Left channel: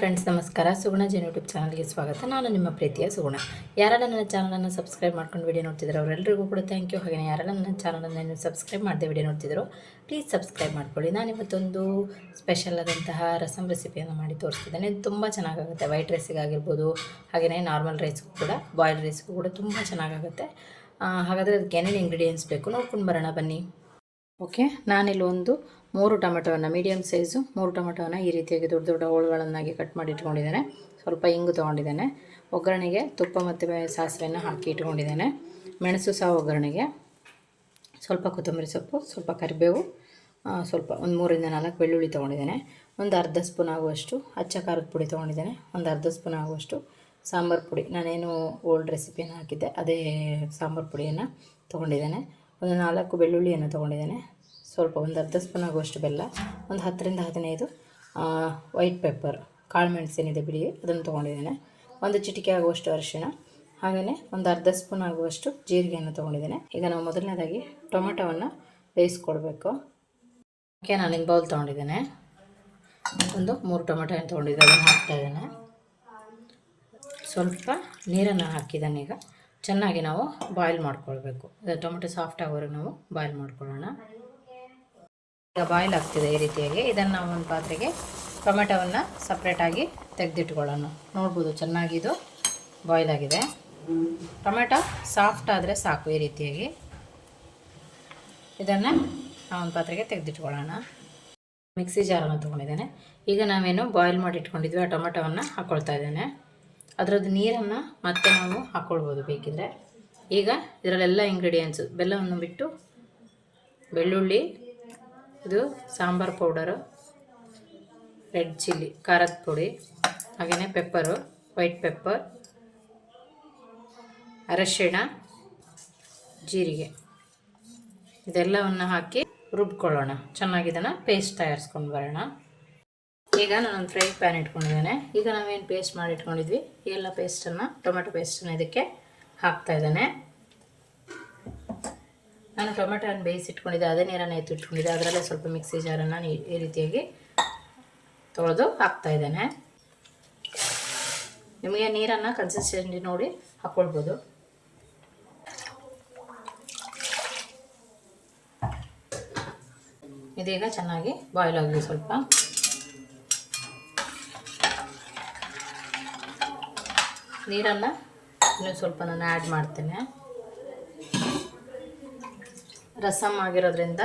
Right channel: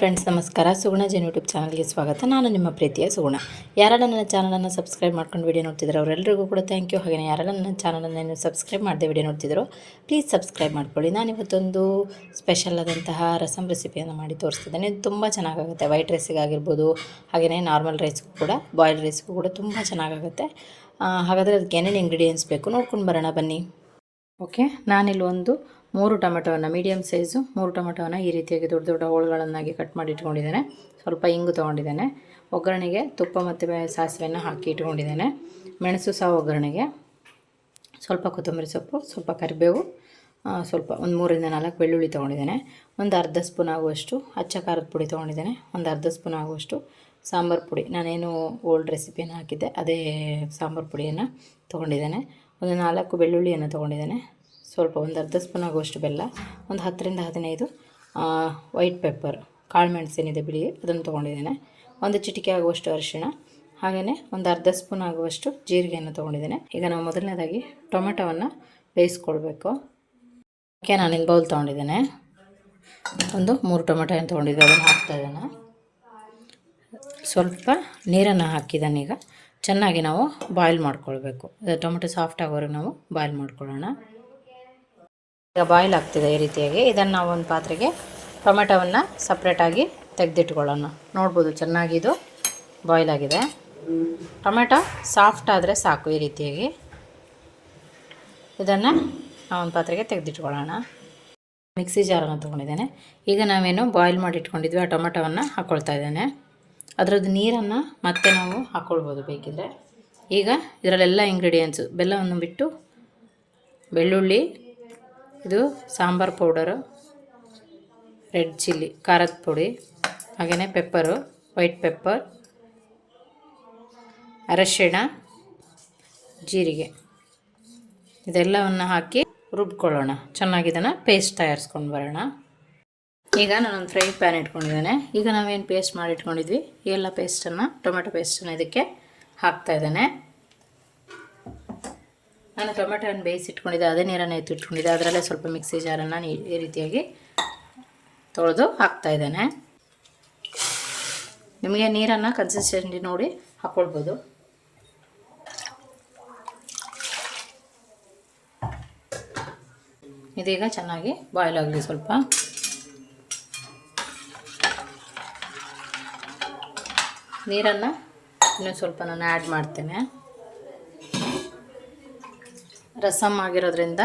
Friends ನಮಸ್ಕಾರ. ಸುಗುಣ Jain YouTube ಚಾನಲ್ಗೆ ಸ್ವಾಗತ. ನಾನು ನಿಮ್ಮ ಪ್ರೀತಿಯ ಸುಗುಣ. ಯಾರೆಲ್ಲ ನನ್ನ ಚಾನಲನ್ನು ಸಬ್ಸ್ಕ್ರೈಬ್ ಮಾಡ್ಕೊಂಡು ವಿಡಿಯೋ ನೋಡ್ತಿದ್ರು ಅವರೆಲ್ಲರಿಗೂ ಕೂಡ ಥ್ಯಾಂಕ್ ಯು. ಹಾಗೆ ಯಾರೆಲ್ಲ ನನ್ನ ಚಾನಲನ್ನು ಏನು ಸಬ್ಸ್ಕ್ರೈಬ್ ಮಾಡದೆ ವಿಡಿಯೋ ನೋಡ್ತಿದ್ರು ಪ್ಲೀಸ್ ಸಬ್ಸ್ಕ್ರೈಬ್ ಮಾಡ್ಕೊಳ್ಳಿ. ನಾನಿವತ್ತೊಂದು ಸ್ಪೆಷಲ್ ಆದಂತಹ ರಸಮ್ ರೆಸಿಪಿಯನ್ನು ಮಾಡಿ ತೋರಿಸ್ತಿದ್ದೇನೆ. ಇದು ತುಂಬ ಚೆನ್ನಾಗಾಗುತ್ತೆ. ವೈಟ್ ರೈಸಿಗಾಗಿರ್ಬೋದು, ಹಾಗೆಯೇ ನಾರ್ಮಲ್ ರೈಸ್ಗೂ ಕೂಡ, ಬಾಯ್ಲ್ಡ್ ರೈಸ್ಗೂ ಕೂಡ ತುಂಬ ಚೆನ್ನಾಗಾಗುತ್ತೆ. ಹಾಗಾದರೆ ಅದಕ್ಕೆ ಏನೇನು ಇಂಗ್ರೀಡಿಯೆಂಟ್ಸ್ ಬೇಕು ನೋಡ್ಕೊಂಡು ಬರೋಣ ಬನ್ನಿ. ಓಕೆ, ನಾನಿಲ್ಲಿ ಒಂದು 3 ಟೊಮೆಟೊವನ್ನು, ಮೀಡಿಯಮ್ ಸೈಜು 3 ಟೊಮೆಟೊವನ್ನು ಈ ರೀತಿಯಾಗಿ ದೊಡ್ಡ ದೊಡ್ಡ ಹೋಳುಗಳನ್ನಾಗಿ ಕಟ್ ಮಾಡಿ ಇಟ್ಕೊಂಡಿದ್ದೇನೆ. ಸ್ವಲ್ಪ ಇಂಗು ತೊಗೊಂಡಿದ್ದೇನೆ. ಒಗ್ಗರಣೆಗೆ ತುಪ್ಪ ಮತ್ತು ಸಾಸಿವೆಯನ್ನು ಹಾಕಿ ಇಟ್ಕೊಂಡಿದ್ದೇನೆ. ಮೆಣಸು ಸಹ ಒಗ್ಗರಣೆಗೆ, ಸ್ವಲ್ಪ ಕೊತ್ತಂಬರಿ ಸೊಪ್ಪು, ಸ್ವಲ್ಪ ಕರಿಬೇವು, ಸ್ವಲ್ಪ ಒಂದು 3ರಿಂದ 4 ಬೆಳ್ಳುಳ್ಳಿ ತೊಗೊಂಡಿದ್ದೇನೆ. ಒಂದು ಅರ್ಧ ಸ್ಪೂನ್ ಆಗುವಷ್ಟು ಅಚ್ಚ ಖಾರದ ಪುಡಿ ತೊಗೊಂಡಿದ್ದೇನೆ. ಒಂದು ಅರ್ಧ ಸ್ಪೂನ್ ಆಗುವಷ್ಟು ಸಾಂಬಾರು ಪುಡಿ, ನಾನೇನು ಓಲ್ಡ್ ರೆಸಿಪಿಯನ್ನು ಹಾಕಿದ್ದೆ ಅದೇ ಸಾಂಬಾರು ಪುಡಿಯನ್ನು ತೊಗೊಂಡಿದ್ದೇನೆ. ಒಂದು 4 ಬೆಳ್ಳುಳ್ಳಿಯನ್ನು ತೊಗೊಂಡಿದ್ದೇನೆ. ಸ್ವಲ್ಪ ಒಂದು ಅರ್ಧ ಸ್ಪೂನ್ ಆಗುವಷ್ಟು ಬೆಲ್ಲ, ಒಂದು 10ರಿಂದ 15 ವೈಟ್ ಪೆಪ್ಪರ್, ಕಾಳು ಮೆಣಸೇನಿದೆ ಬಿಳಿ, ಅದನ್ನು ತೊಗೊಂಡಿದ್ದೇನೆ. ಒಂದು ಚಿಟಿಕೆ ಆಗುವಷ್ಟು ಅರಿಶಿಣ, ಹಾಗೆಯೇ ಒಂದು ಅರ್ಧ ಸ್ಪೂನ್ ಆಗುವಷ್ಟು ಜೀರಿಗೆಯನ್ನು ತೊಗೊಂಡಿದ್ದೇನೆ. ಈಗ ನಾವು ಮೊದಲನೇದಾಗಿ ಟೊಮೆಟೊವನ್ನು ಬೇಯಿಸ್ಕೊಳ್ಬೇಕು. ಓಕೆ, ನಾನಿಲ್ಲಿ ಬೌಲ್ ತೊಗೊಂಡಿದ್ದೇನೆ. ಒಂದು 3 ಟೊಮೆಟೊಯನ್ನು ತೊಗೊಂಡಿದ್ದೆ, ಅದನ್ನು ಹಾಕ್ತಾಯಿದ್ದೇನೆ. ಸ್ವಲ್ಪ ನೀರನ್ನು ಹಾಕಿದ್ದಾನೆ. ಈಗ ಚೆನ್ನಾಗಿ ನಾವು ಬಾಯ್ಲ್ ಮಾಡ್ಕೊಳ್ಬೇಕು. ಟೊಮೆಟೊ ಸಾಫ್ಟ್ ಆಗೋವರೆಗೆ ನಾವು ಬಾಯ್ಲ್ ಮಾಡ್ಕೊಳ್ಳೋಣ. ಈಗ ಬಾಯ್ಲ್ ಆಗ್ತಿದೆ ಈ ರೀತಿಯಾಗಿ. ಇದನ್ನು ನಾವು ಒಂದು ಪಾತ್ರೆಗೆ ಟೊಮೆಟೊವನ್ನು ಸಪ್ರೇಟಾಗಿ ತೆಗೆದಿಟ್ಕೊಳ್ಳೋಣ. ನೋಡ್ಬೋದು ಚೆನ್ನಾಗಿ ಇದು ಬಾಯ್ಲ್ ಆಗಿದೆ. ಟೊಮೆಟೊ ಸಾಫ್ಟ್ ಆದರೆ ಸಾಕು. ಈ ರೀತಿಯಾಗಿ ಇದನ್ನು ಒಂದು ಪಾತ್ರೆಗೆ ತೆಗೆದಿಟ್ಕೊಳ್ಳೋಣ. ಮಿಕ್ಸಿ ಜಾರನ್ನು ತೊಗೊಂಡಿದ್ದೇನೆ. ಈಗ ನಾವೇನು ಬಾಯ್ಲ್ ಮಾಡಿ ಇಟ್ಕೊಂಡಿದ್ವಿ ಆ ಟೊಮೆಟೊವನ್ನು ಹಾಕ್ಕೊಳ್ತಾ ಇದ್ದೇನೆ. ಅದರದ್ದು ನೀರನ್ನು ಮತ್ತೆ ನಾವು ಹಾಕ್ಕೊಳ್ಬೋದು ಬೇಕಿದ್ರೆ. ಈಗ ಇದರಲ್ಲೆಲ್ಲ ಇಂಗ್ರೀಡಿಯೆಂಟ್ಸು, ಬೆಲ್ಲವನ್ನು ಬಿಟ್ಟು ಬೆಳ್ಳುಳ್ಳಿ, ಇದು ಸಾಂಬಾರು ಪೌಡರು, ರೆಡ್ ಚಿಲ್ಲಿ ಖಾರದ ಪುಡಿ, ಹಾಗೆಯೇ ಪೆಪ್ಪರು, ವೈಟ್ ಪೆಪ್ಪರ್, ಅರಶಿಣ, ಜೀರಿಗೆ, ಇದೆಲ್ಲವನ್ನು ಹಾಕಿ ರುಬ್ಕೊಳ್ಳೋಣ. ಚೆನ್ನಾಗಿ ಇದನ್ನು ಪೇಸ್ಟ್ ತಯಾರಿಸ್ಕೊಂಡು ಬರೋಣ. ಈಗ ನಾನೊಂದು ಫ್ರೈ ಪ್ಯಾನ್ ಇಟ್ಕೊಂಡಿದ್ದೇನೆ. ಈಗ ನಾವೇನು ಪೇಸ್ಟ್ ಮಾಡಿ ಇಟ್ಕೊಂಡಿದ್ವಿ ಈ ಎಲ್ಲ ಪೇಸ್ಟನ್ನು, ಟೊಮೆಟೊ ಪೇಸ್ಟನ್ನು ಇದಕ್ಕೆ ಹಾಕ್ತಾಯಿದ್ದೇನೆ. ನಾನು ಟೊಮೆಟೊವನ್ನು ಬೇಯಿಸಿಟ್ಕೊಂಡಿದ್ದೆ, ಅದೇ ನೀರನ್ನು ಎತ್ತಿಟ್ಕೊಂಡಿದ್ದೆ. ಅದರಲ್ಲೇ ಸ್ವಲ್ಪ ಮಿಕ್ಸಿ ಜಾರನ್ನು ಈ ರೀತಿಯಾಗಿ ತೊಳೆದು ಹಾಕ್ತಾಯಿದ್ದೇನೆ. ನಿಮಗೆ ನೀರನ್ನು ಕನ್ಸಿಸ್ಟೆನ್ಸಿ ನೋಡಿ ಹಾಕ್ಕೊಳ್ಬೋದು. ಇದೀಗ ಚೆನ್ನಾಗಿ ಬಾಯ್ಲ್ ಆಗಲಿ. ಸ್ವಲ್ಪ ನೀರನ್ನು ಇನ್ನೂ ಸ್ವಲ್ಪ ನಾನು ಆ್ಯಡ್ ಮಾಡ್ತೇನೆ. ರಸಮ್ ಆಗಿರೋದ್ರಿಂದ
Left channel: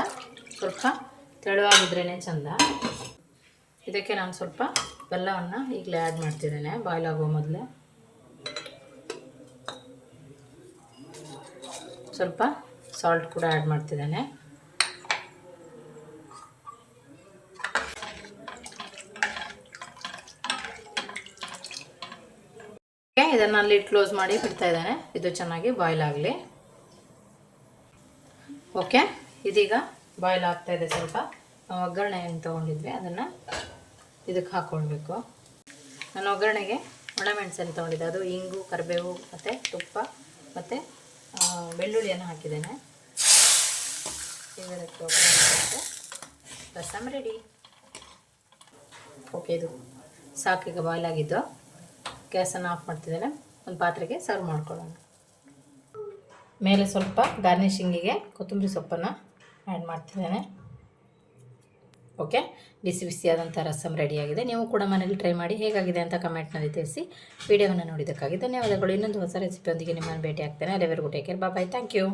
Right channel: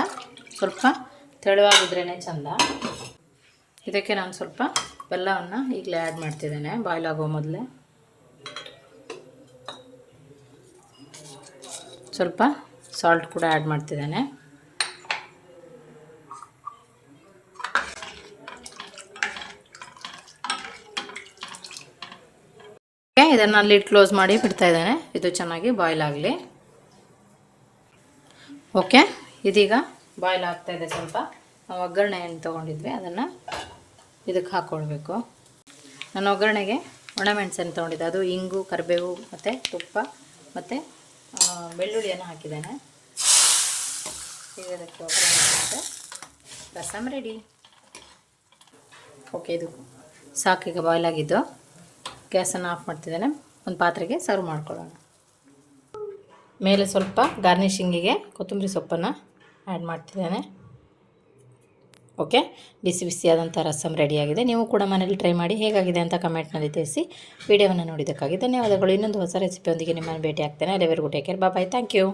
ಸ್ವಲ್ಪ ತೆಳುವಾಗಿದ್ರೇ ಚೆಂದ. ಇದಕ್ಕೆ ನಾನು ಸ್ವಲ್ಪ ಬೆಲ್ಲವನ್ನು ಈಗಲೇ ಆ್ಯಡ್ ಮಾಡ್ತಿದ್ದೇನೆ ಬಾಯ್ಲ್ ಆಗೋ ಮೊದಲೇ. ಸ್ವಲ್ಪ ಸಾಲ್ಟ್ ಕೂಡ ಆ್ಯಡ್ ಮಾಡ್ತಿದ್ದೇನೆ. ಇದನ್ನು ಲಿಡ್ ಕ್ಲೋಸ್ ಮಾಡಿ ಬಿಡ್ತಾ ಇದ್ದೇನೆ. ಇದು ಚೆನ್ನಾಗಿ ಬಾಯ್ಲ್ ಆಗಲಿ. ಓಕೆ, ಇದೀಗ ಬಾಯ್ಲ್ ಆಗ್ತಾಯಿದೆ. ಸ್ವಲ್ಪ ನಾವು ಒಗ್ಗರಣೆಯನ್ನು ತೊಗೊಂಡಿದ್ವಿ ಅದನ್ನು ಇದಕ್ಕೆ ಹಾಕ್ಕೊಳ್ಬೇಕು. ನಾನು ಒಗ್ಗರಣೆಗೆ ಒಣಮೆಣಸನ್ನು ತೊಗೊಂಡಿದ್ದೆ, ಅದು ಇಂಗು, ಕರಿಬೇವು ಮತ್ತು ತುಪ್ಪ ಮತ್ತು ಬೆಳ್ಳುಳ್ಳಿಯನ್ನು ಹಾಕಿದ್ದೇನೆ. ಈಗ ಇದಕ್ಕೆ ಒಗ್ಗರಣೆ ರಸಮ್ ರೆಡಿ. ಓಕೆ, ಇದು ಸಾಕೀಗ ಬಾಯ್ಲ್ ಆಗಿದ್ದು. ಗ್ಯಾಸನ್ನು ಆಫ್ ಮಾಡ್ತಿದ್ದೇನೆ. ಒಂದು ಪಾತ್ರೆಗೆ ಸರ್ವ್ ಮಾಡ್ಕೊಳ್ಳೋಣ. ಮೇಲೆ ಸ್ವಲ್ಪ ಗಾರ್ನಿಷಿಂಗಿಗೆ ಕೊತ್ತಂಬರಿ ಸೊಪ್ಪನ್ನು ಆ್ಯಡ್ ಮಾಡ್ತಿದ್ದೇನೆ. ಓಕೆ, ಬಿಸಿ ಬಿಸಿಯಾದಂಥ ರಸಮ್ ರೆಡಿಯಾಗಿದೆ. ನೀವು ಕೂಡ ಮನೇಲಿ ಟ್ರೈ ಮಾಡಿ ಹೇಗಾಗಿದೆ ಅಂತ ಕಮೆಂಟ್ನಲ್ಲಿ ತಿಳಿಸಿ. ವಿಡಿಯೋವನ್ನು ನೋಡಿದ್ದಕ್ಕಾಗಿ ಧನ್ಯವಾದಗಳು. ಇನ್ನೊಂದು ಹೊಸ ರೆಸಿಪಿಯೊಂದಿಗೆ ನಿಮ್ಮನ್ನು ಭೇಟಿ ಆಗ್ತೇನೆ. ಅಲ್ಲಿವರೆಗೂ take care, bye, thank you.